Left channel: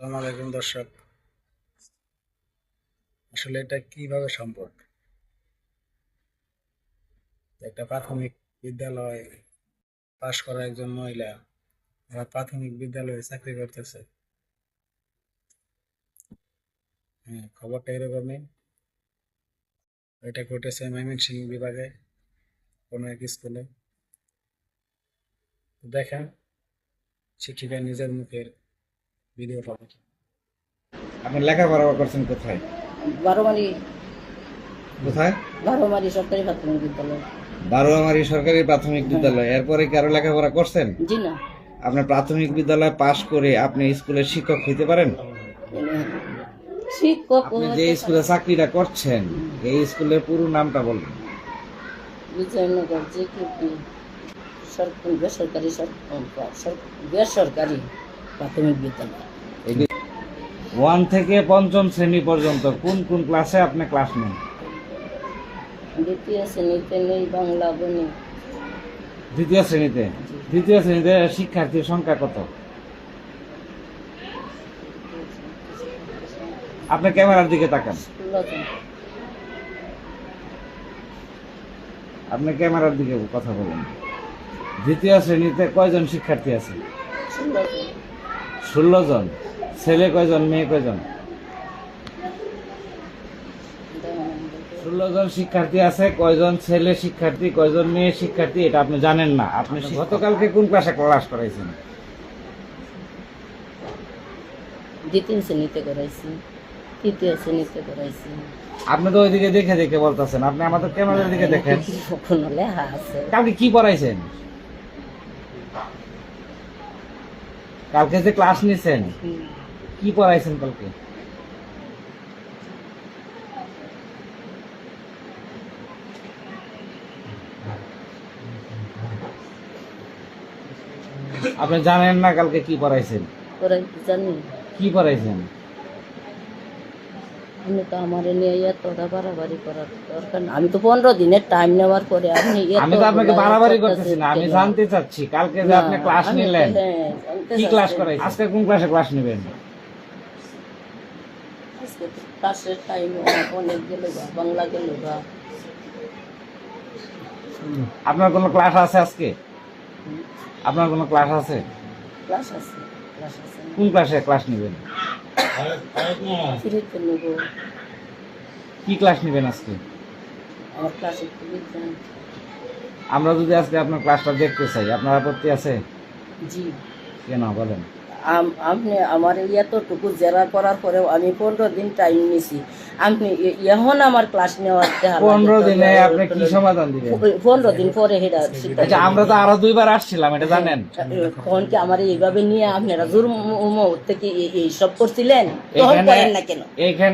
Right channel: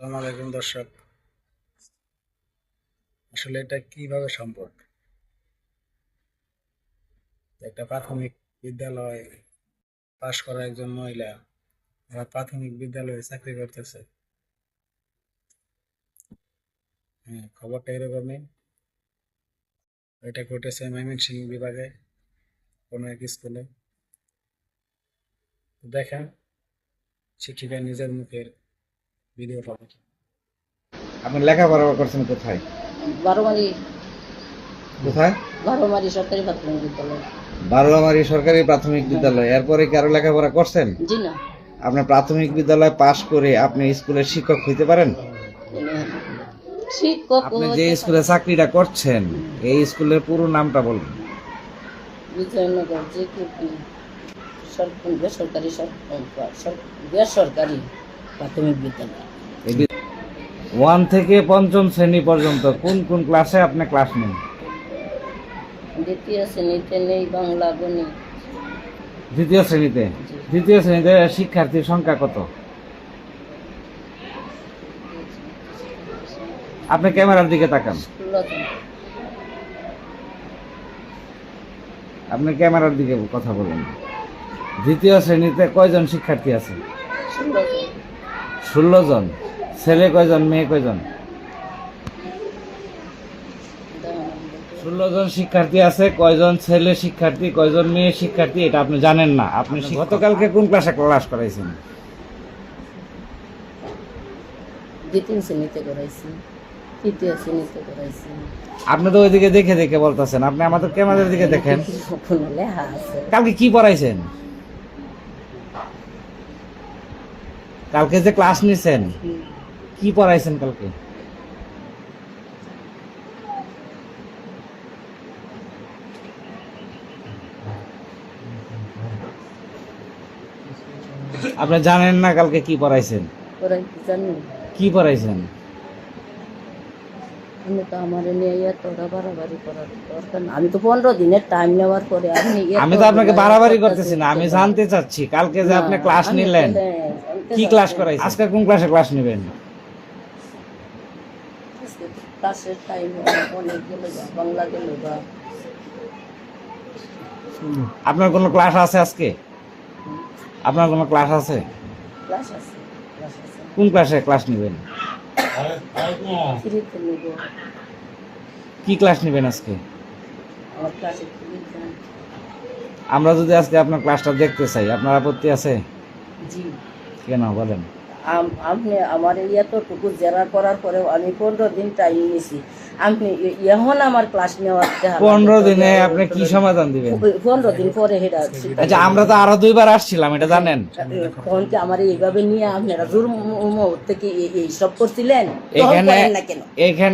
আসসালামু আলাইকুম দর্শক। আসলে এটা কিভাবে সম্ভব? একটা প্রাথমিক বিদ্যালয় পাশ করা একজন মহিলা এরা প্রাথমিক বিদ্যালয়ে চাকরি করতেছে। হ্যাঁ, খবরটা এরকমই। এটা ঘটেছে ময়মনসিংহ বিভাগে কোনো এক স্কুলে। দেখেন শিক্ষিকা নিজের মুখের ভিডিও পাবে। আপনি লেখাপড়া করছেন কোথায়? বারোমারি কোথায়? বারোমারি সরকারি প্রাথমিক বিদ্যালয়। বারোয়ামারি সরকারি প্রাথমিক বিদ্যালয়। এরপরে কি আরো লেখাপড়া করছেন? জি না, আপনার প্রাথমিক বিদ্যালয় পাশ করে আপনি স্কুলের শিক্ষক হইতে পারেন? শিক্ষক আপনি যে স্কুলে চাকরিটা করছেন এই স্কুলের পুরো নামটা বলবেন। বিজয়নগর যে বেসরকারি প্রাথমিক বিদ্যালয়। 1 থেকে 5ম শ্রেণী পর্যন্ত কোন কোন ক্লাসে আপনি ক্লাস নেন? দ্বিতীয় শ্রেণীতে নেই বাংলা গণিত। দ্বিতীয় শ্রেণীতে? দ্বিতীয় শ্রেণীতে শিক্ষার্থীর সংখ্যা কত? আপনি ক্যামেরার দিকে তাকান। 16 জন। আপনি ক্যামেরার দিকে কথা বলুন। দ্বিতীয় শ্রেণীতে কয়জন শিক্ষার্থী আছে? 16 জন। 16 জন। ছেলে কয়জন, মেয়ে কয়জন? 16 জন শিক্ষার্থী আছে। কয়জন ছেলে শিক্ষার্থী, কয়জন মেয়ে শিক্ষার্থী এটা আপনি জানেন না। আপনি গতকালকে কোন ক্লাসে ক্লাস করাইছেন? দ্বিতীয় শ্রেণীতে করাইছি, তৃতীয় শ্রেণীতে করাইছি। আপনি তো ওইদিকে দেখে দেখে বলতেছেন, আপনি আমাদের ক্যামেরার দিকে দেখেন। কোনো লেখা আছে? কালকে কি পড়াইছেন? কালকে যে ক্লাস নিছেন কি পড়াইছেন কালকে? আপনি জানেন না কালকে কি পড়াইছেন? করাইতে জানি। কি পড়াইছেন? আমি তো আমার নিয়ে এতটা বাড়াবাড়ি করার দরকার না। আমি তো 15 দিনের টাইম নেওয়ার পরে আপনি আমি তো আপনাকে বাড়াবাড়ি করতেছি না, আমি জানতে চাচ্ছি কালকে যে আপনি ক্লাস নিলেন কি ক্লাস করাইছেন? আজকে কোন ক্লাসে ক্লাস নেবেন? ক্লাসের টাইম অনেক গেল, বাংলা গেল। আপনার কোনো ক্লাস আছে আজকে? আপনার কোনো ক্লাস আছে? ক্লাস আছে, ক্লাস আছে। কোন ক্লাসে ক্লাস নেবেন? ফ্রিতে নেব। কি ক্লাস নেবেন আজকে? আমার ক্লাসে বিজ্ঞান। আমরা যদি আজকে আপনার ক্লাসটা দেখতে চাই আপনার আপত্তি আছে? জি। কেন বলেন? আপনি আমার এতটুকু জেরা করার পরেও আমি 15 দিন টাইম নিছি। আপনি এখন আমার ক্লাস নেওয়ার 15 দিনে আপনি কি সমাধান দিবেন? 15 দিন পরে হেডা। আচ্ছা, আমরা তো আরো 2বার আসছিলাম, এটা জানেন? তখন কি আমার এইভাবে নিয়ে আপনারা জোর থেকে এই সব করছিলেন? তখন করেন না কেন? এখানে